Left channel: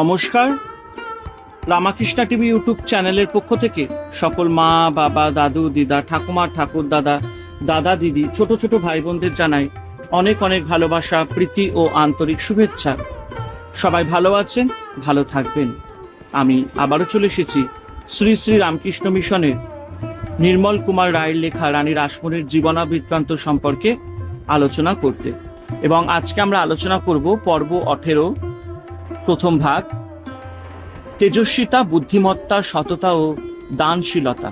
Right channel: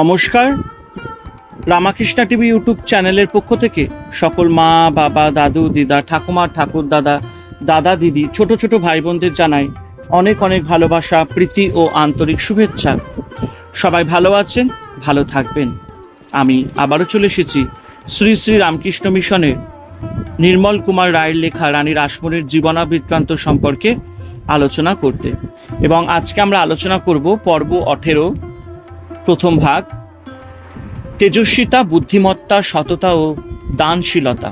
নমস্কার। Ramakrishna TV YouTube চ্যানেলের পক্ষ থেকে সকল মা, বাবা, দাদু, দিদা, ঠাকুমা, ঠাকুর দাদা দাদা, দিদি, ছোট ছোট ভাই বোনদের জানাই অনেক অনেক ভালোবাসা, প্রীতি ও আন্তরিক শুভেচ্ছা। সবাই ভালো আছেন, ভালো থাকবেন। আমি আবারও চলে এসেছি শ্রী শ্রী রামকৃষ্ণ মিশনের নির্মল কুমার রায়ের লেখা রানী রাসমণির জীবনাবৃত্তান্ত সম্পর্কে আলোচনা করতে। এবং আজকে আমরা আলোচনা করব পর্ব অঠেরো প্রথম ভাগ, তেজস্বিতা, বুদ্ধিমত্তা, সততা ও দানশীলতা।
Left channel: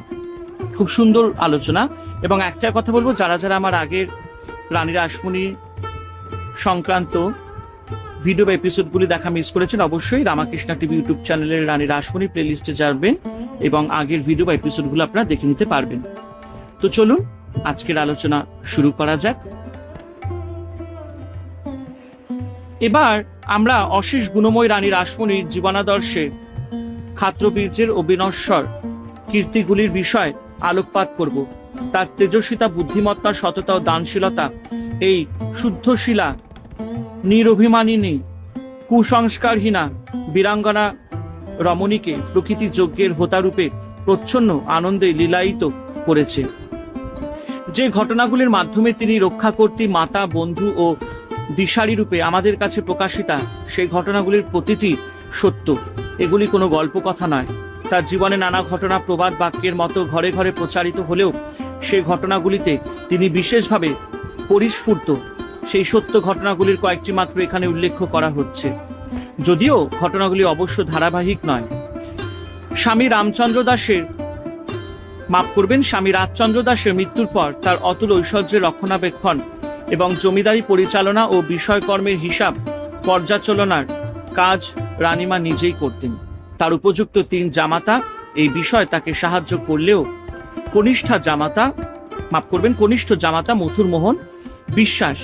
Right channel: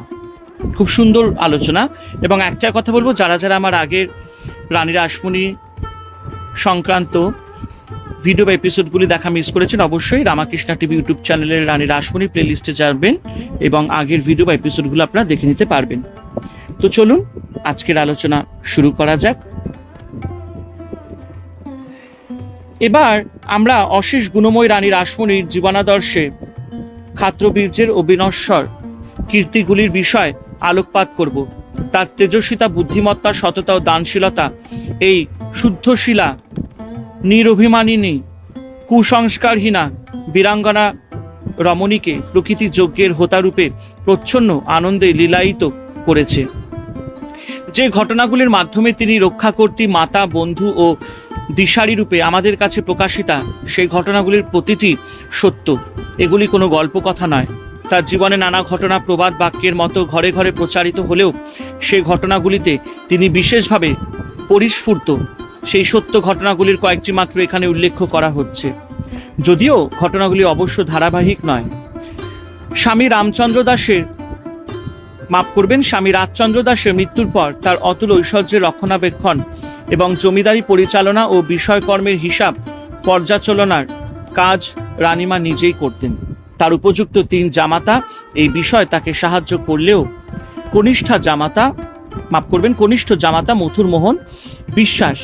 খুব সুন্দর আলোচনা এবং একটা কথা বলব, যারা যারা আমার আগের রানী রাসমণি সংক্রান্ত ভিডিও বা এপিসোডগুলি দেখা মিস করেছেন, অবশ্যই রামাকৃষ্ণা টিভি ইউটিউব চ্যানেলের রানী রাসমণি প্লেলিস্টে যাবেন এবং আগের ভিডিও বা এপিসোডগুলো আপনারা দেখে নিতে পারবেন। তো চলুন, আজকের আলোচনা শুরু করা যাক। এবার আমরা অশেষ গুণময় রানী রাসমণির জীবনাদর্শে ক্ষাত্রবীর্যের ও বিনশ্বর কীর্তিগুলির বিষয় আলোকপাত করব। তার তেজস্বিতা, বুদ্ধিমত্তা, সততা ও দানশীলতা এই শুদ্ধশীলা, নিরভিমানিনী, কুসংস্কারহীনা বীরাঙ্গনা রমণীকে প্রকৃতি যজ্ঞের হোতারূপে প্রচ্ছন্ন আনন্দে লীলায়িত করেছে। যে ঘটনাগুলির মাধ্যমে তিনি রক্ষাকর্তী মাতা, বন্ধু ও দিশারি রূপে আমাদের কাছে প্রকাশিতা, সেই ঘটনাগুলির প্রতিটি সত্য। এগুলি কোনো গল্প কথা নয়। তার জীবনে নানা ঘটনা, প্রবাদ, বাক্যের মতো ঘরে ঘরে প্রচারিত হলেও সেই ঘটনাগুলিতে তিনি বিশেষভাবে পরিস্ফুর্ত। সেই সত্য ঘটনাগুলির কয়েকটি মাত্র এখানে উল্লেখ করা হচ্ছে। যদিও ঘটনাগুলি অবশ্য ধারাবাহিক নয়। স্বামী রামচন্দ্র দাসের মাফ করবেন, স্বামী রাজচন্দ্র দাসের মৃত্যুর পর তার অতুল ঐশ্বর্যের রক্ষণাবেক্ষণ এবং জমিদারি পরিচালনা ও বিষয়কর্মের হিসাব পর্যালোচনার কাজ রানীমা নিজেই করতেন। তার উপযুক্ত তিন জামাতা এই বিষয় তাকে সাহায্য করলেও কনিষ্ঠা জামাতা, মাফ করবেন, কনিষ্ঠ জামাতা মথুর মোহন বিশ্বাস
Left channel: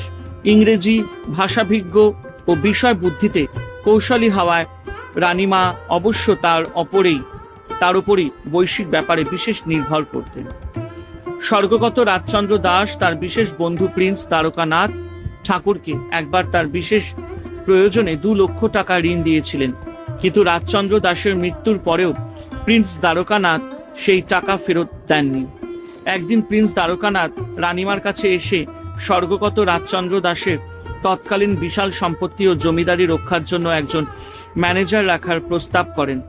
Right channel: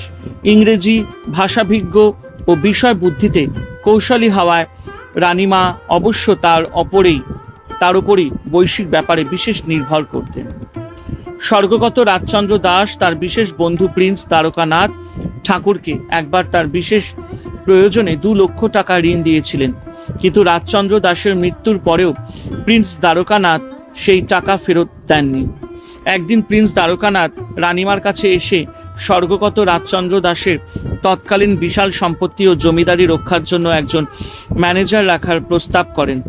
ইংরেজি ভাষাভিজ্ঞ ও বিষয় বুদ্ধিতে কৌশলী হওয়ায় রানীমা অবশ্য তার অপরেই তার উপরই বৈশ্বিক ব্যাপারে বিশেষ নির্ভর করতেন। স্বর্গগত রাজচন্দ্র দাস, তার বিশেষ বন্ধু প্রিন্স তারকানাথ ঠাকুরকে একবার তার বিশেষ প্রয়োজনে দু লক্ষ টাকা ঋণ দিয়েছিলেন। কিন্তু রাজচন্দ্র দাসের মৃত্যুর পরেও প্রিন্স দ্বারকানাথ সেই টাকা ফেরত দেননি। একদিন প্রিন্স দ্বারকানাথ রানিমার কাছে এসে স্বর্গগত রাজচন্দ্র দাসের তৎকালীন বিশাল সম্পত্তি ও জমিদারি রক্ষার জন্য একজন ম্যানেজার রাখার প্রস্তাব করেন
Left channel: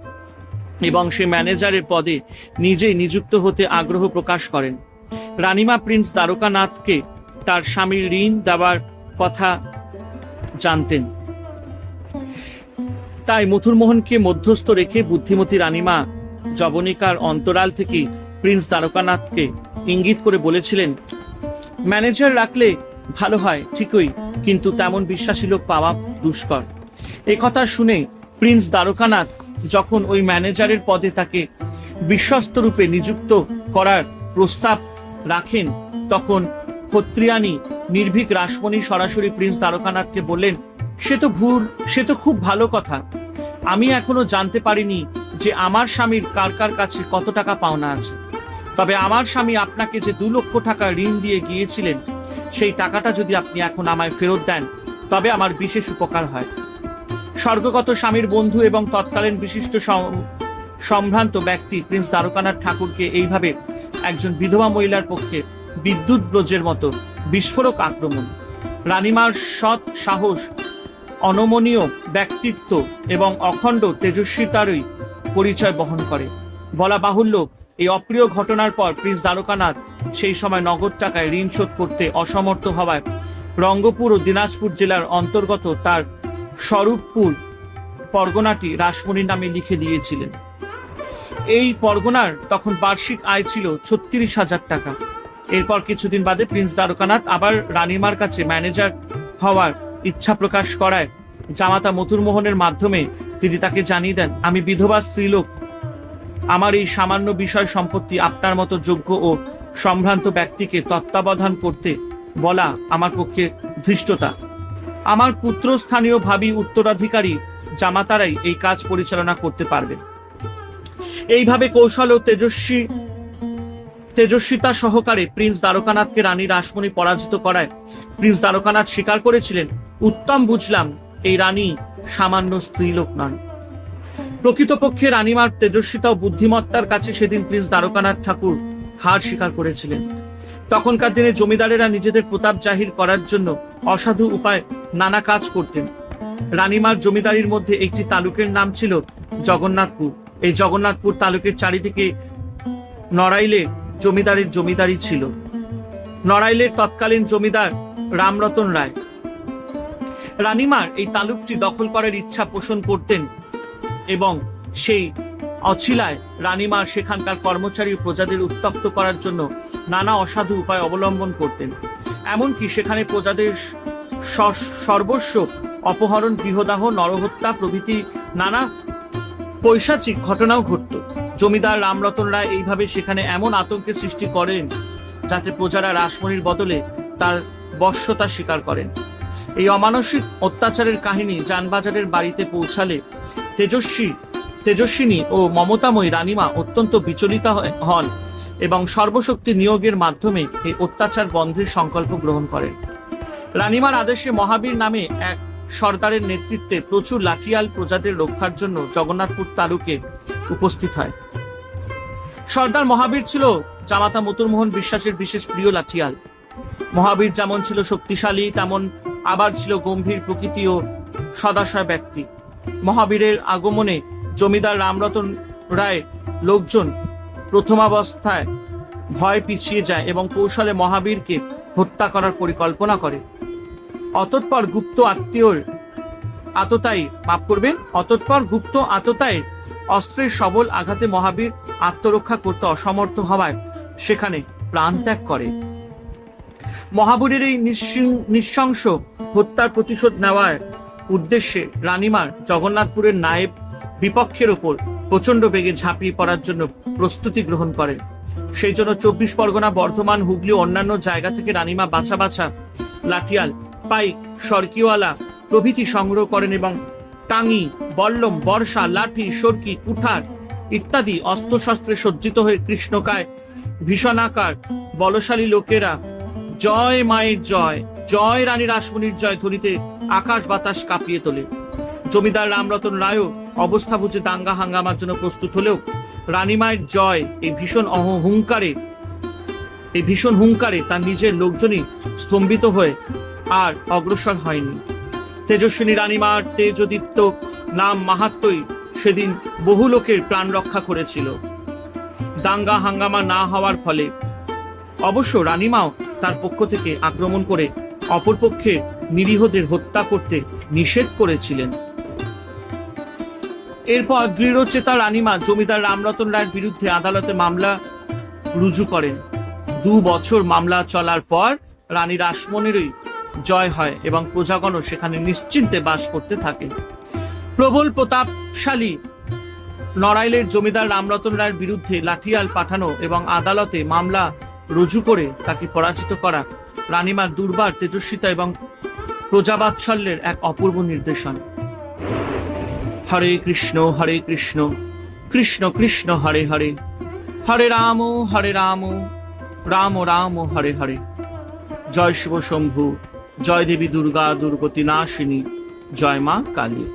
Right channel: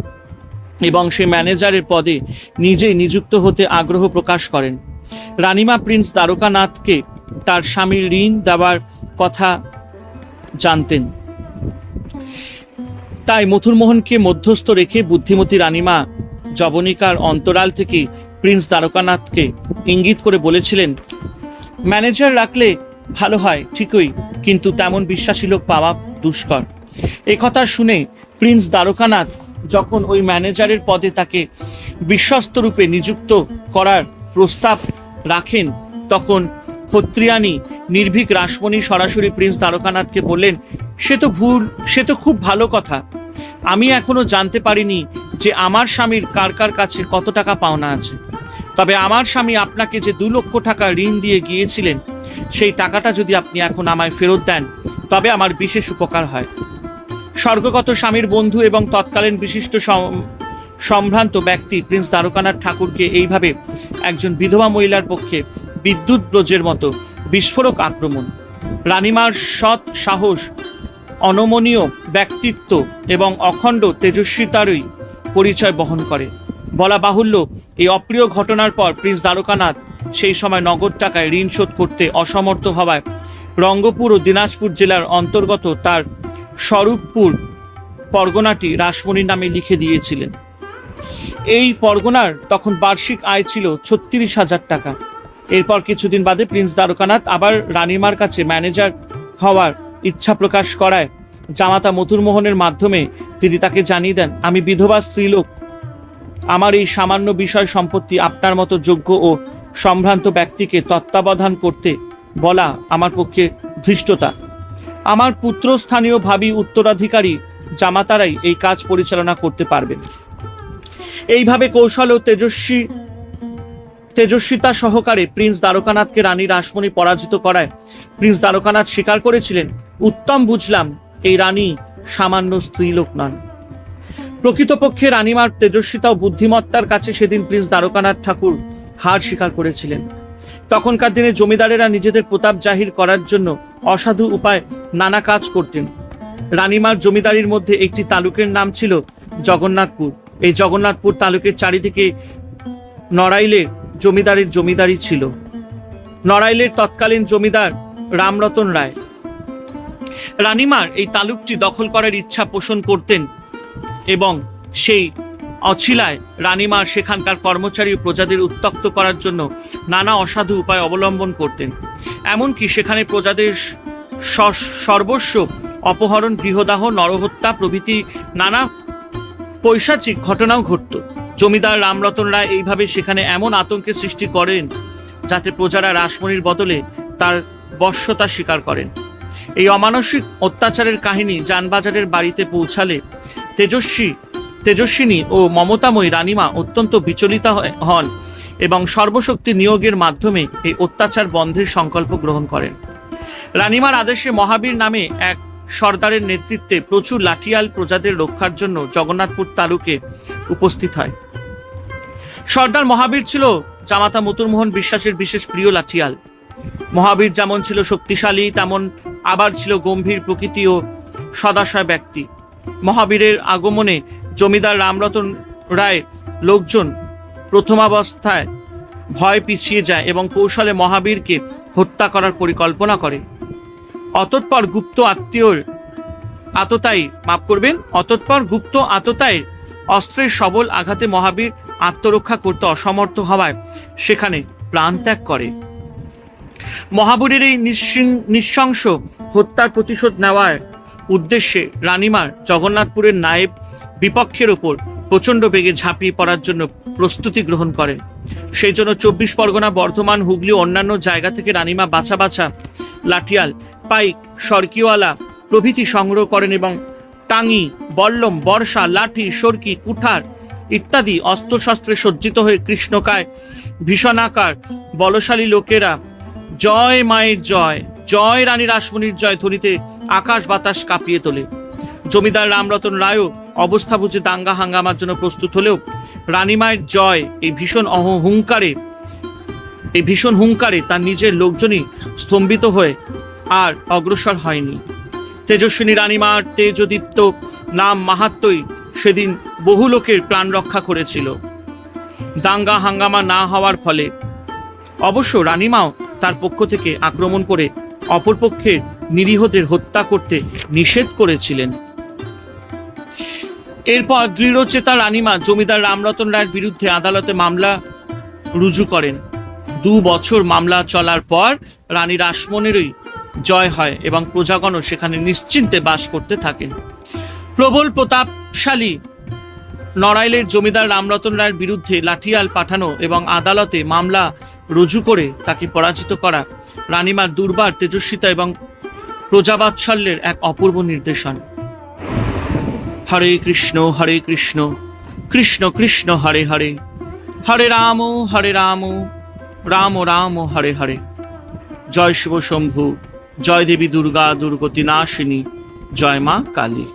এবং সেই ম্যানেজারের পদে নিজেই নিযুক্ত হতে আগ্রহ প্রকাশ করেন। রানীমা প্রিন্স দ্বারকানাথকে তার স্বামীর ঋণ দেওয়ার কথা জানতেন। তাই মথুরমোহনকে মধ্যস্থ রেখে বুদ্ধিমতী রানিমা জবনিকার অন্তরাল থেকে প্রিন্স দ্বারকানাথকে ইঙ্গিত করে বলেছিলেন, ম্যানেজার রাখলে ভালো হয়, ঠিকই, কিন্তু তেমন বিশ্বাসী লোক পাওয়া দুষ্কর। একথা শুনে প্রিন্স দ্বারকানাথ যখন ওই ম্যানেজারের পদে তাকে বিশ্বস্ত রূপে নিযুক্ত করার প্রস্তাব রাখেন। তখন ক্ষত্রিয়ানি নির্ভীক রাসমণি সরাসরি প্রিন্স দ্বারকানাথকে বললেন, সে তো ভুল, সে তো খুব ভালো কথা। আমি এখনও জানতে পারিনি যে আমার স্বামীর কার কার কাছে কত টাকা পাওনা আছে। তবে আমার স্বামী আপনাকে যে দু লক্ষ টাকা ঋণ দিয়ে গিয়েছিলেন, সেই টাকাটা যদি আপনি এখন আমায় ফেরত দেন, তবে আমার বিশেষ উপকার হয়। স্বর্গগত স্বামীর বন্ধু এবং তৎকালীন বিশিষ্ট সম্ভ্রান্ত ব্যক্তি প্রিন্স দ্বারকানাথ ঠাকুরকে এইভাবে একজন বিধবা মহিলার পক্ষে বিদ্যুৎ ব্রজের মতো বিস্ফোরক আক্রমণ। রানীমার সৎ সাহস, অনমনীয় ব্যক্তিত্ব এবং অখণ্ড তেজস্বিতারই পরিচয় বহন করে। বলা বাহুল্য, এই অপ্রিয় ঘটনার পর প্রিন্স দ্বারকানাথ সেই সময় নগদ টাকায় ঋণ শোধ করতে অসমর্থ হওয়ায় রঙ্গপুর ও দিনাজপুর জেলার অন্তর্গত তার স্বরূপপুর পরগনাটি রাসমণির নামে লিখে দিয়েছিলেন। এই পরগনার তখন বার্ষিক আয় ছিল ছত্রিশ হাজার টাকা। এরপর কিছুদিন বাদে প্রিন্স দ্বারকানাথ আবার রানীমার কাছে ম্যানেজার হওয়ার ইচ্ছা প্রকাশ করায়। জামাতা মথুরমোহনের মাধ্যমে তিনি তাকে জানিয়ে দেন, আমি বিধবা স্ত্রীলোক। আমার এই সামান্য বিষয় সম্পত্তি আপনার মতো যোগ্য ও সম্ভ্রান্ত ব্যক্তিকে তত্ত্বাবধান করতে বলা আমার পক্ষে ধৃষ্টতা। আমার পুত্র স্থানীয় ভাবি উত্তরাধিকারী জামাতারাই এই কাজ পরিচালনা করতে পারবেন। এইভাবে কৌশল ও তেজস্বী তেজস্বিতা সহকারে প্রিন্স দ্বারকানাথকে রানী রাসমণি পরাজিত করায়। প্রিন্স দ্বারকানাথ স্বীকার করেছিলেন, উত্তম বুঝলাম, এই রানী সামান্য স্ত্রীলোক নন। প্রকৃতপক্ষে রানীমার তেজস্বিতা ও বুদ্ধিমত্তার কাছে সেদিন প্রিন্স দ্বারকানাথ ঠাকুর হার স্বীকার করেছিলেন। তখনকার দিনে জমিদারেরা নিজেদের প্রতাপ জাহির করার জন্য অসাধু উপায় নানা কাজ করতেন। রানীমার জমিদারির মধ্যে একটি তালুকের নাম ছিল জগন্নাথপুর। এই জগন্নাথপুর তালুকের চারিদিকে নড়াইলে জমিদারের জমিদারি ছিল। নড়াইলের তৎকালীন জমিদার রামরতন রায়। রানীমার এই তালুকটি দখল করার ইচ্ছা পোষণ করতেন এবং সেই অছিলায় রানীমার সেখানকার কর্মচারী ও প্রজাদের উত্তক্ত করার জন্য নানা অসাধু উপায় অবলম্বন করতেন। এমনকি সেখানে প্রজাদের সর্বস্ব অপহরণ, গৃহদাহ, নরহত্যা প্রভৃতি নানা পৈশাচিক ঘটনাও ঘটত। জমিদার রামরতন রায় এইভাবে সেখানে এমন আতঙ্কের সৃষ্টি করেন যাতে প্রজারা রাসমণির বদলে তার বশ্যতা স্বীকার করেন। এই অমানসিক অত্যাচারের কাহিনী যানবাজারের বাড়িতে পৌঁছালে তেজস্বী, তেজস্বিনী ও মমতাময়ী রানীমা অত্যন্ত বিচলিত হন এবং সর্বশক্তি নিয়োগের মাধ্যমে এই অত্যাচার বন্ধের সংকল্প গ্রহণ করেন। রানীমার আদেশে মহাবীর নামে এক সর্দারের নেতৃত্বে প্রচুর লাঠিয়াল প্রজাদের রক্ষার জন্য জগন্নাথপুর তালুকে উপস্থিত হয়। সর্দার মহাবীর ছিল জামাতা মতুরমোহন বিশ্বাসের বিশেষ প্রিয় লাঠিয়াল। মহাবীর যেমন ছিল শক্তিশালী, তেমন আবার ছিল গম্ভীর প্রকৃতি ও সদাশয় ব্যক্তি। মহাবীরের আগমনে জমিদার রামরতন রায় লোকজন প্রথমাবস্থায় ভয় পিছিয়ে যায় এবং কৌশলে মহাবীরকে হত্যা করার পরিকল্পনা করে। অতঃপর গুপ্ত আত্মীয়র আততায়ী, মাফ করবেন অতঃপর গুপ্ত আততায়ী অস্ত্রের সবল আঘাতে মহাবীর আত্মরক্ষা করতে অসমর্থ হওয়ায় সেখানে প্রাণ ত্যাগ করে। মহাবীরের এই নৃশংস হত্যার প্রতিশোধ নেওয়ার উদ্দেশ্যে রানীমার জগন্নাথপুরের নায়েব বিপক্ষের ওপর প্রচণ্ড বেগে ঝাঁপিয়ে পড়ার জন্য প্রস্তুতি গ্রহণ করেন। সেই জন্য চব্বিশ পরগনা, বর্ধমান, হুগলি অন্যান্য জায়গা থেকে রানীমা বাছা বাছা লাঠিয়াল পাইক সরকিওয়ালা প্রভৃতি সংগ্রহ করেন এবং টাঙ্গি বল্লম, বর্ষা, লাঠি, সরকি, কুঠার ইত্যাদি অস্ত্রশস্ত্রে সজ্জিত হয়ে কৃষ্ণকায় ভীষণাকার বলশালী লোকেরা জয় মায়ের জয় জয় রানী রাসমণির জয় ধ্বনিতে আকাশ বাতাস কাঁপিয়ে তোলে। জমিদার রামরতন রায়ও অবস্থা বুঝে দাঙ্গা হাঙ্গামার জন্য প্রস্তুত হলেও রানীমায়ের জয় এই ভীষণ অহ- হুঙ্কারে এই ভীষণ হুঙ্কারে তার নিজের লোকজনই স্তম্ভিত হয়ে আর অগ্রসর হয়নি। তেজস্বিনী রানীমার তেজদীপ্ত নাম মাহাত্মই সেদিন বহু লোকের প্রাণ রক্ষা করেছিল। দাঙ্গা হাঙ্গামা না হওয়ার ফলে অবশ্য রানীমাও তার পক্ষ থেকে আক্রমণ করে অপরপক্ষের নিরীহদের হত্যা করতে নিষেধ করেছিলেন। এরপর দৃঢ়চেতা রানীমা জমিদার রামরতন রায়ের বিরুদ্ধে আদালতে মামলা রুজু করেন। দু বছর মামলা চলার পর রানী রাসমণিরই জয় হয় এবং প্রজাগণও সেখানে নিশ্চিন্তে বাস করতে থাকেন। প্রবল প্রতাপশালী নড়াইলের জমিদার রামরতন রায়ের বিরুদ্ধে লাঠিয়াল পাঠানো এবং আদালতে মামলা রুজু করে তাকে পরাজিত করা রানীমার দুর্বার তেজস্বিতা এবং প্রজাবাৎসল্যের এক অপূর্ব নির্দেশন। হরে কৃষ্ণ হরে কৃষ্ণ কৃষ্ণ কৃষ্ণ, হরে হরে হরে রাম হরে রাম রাম রাম, হরে হরে। জয় শিব শম্ভু। জয় দেবী দুর্গা দুর্গতি নাশিনী জয় মা কালী।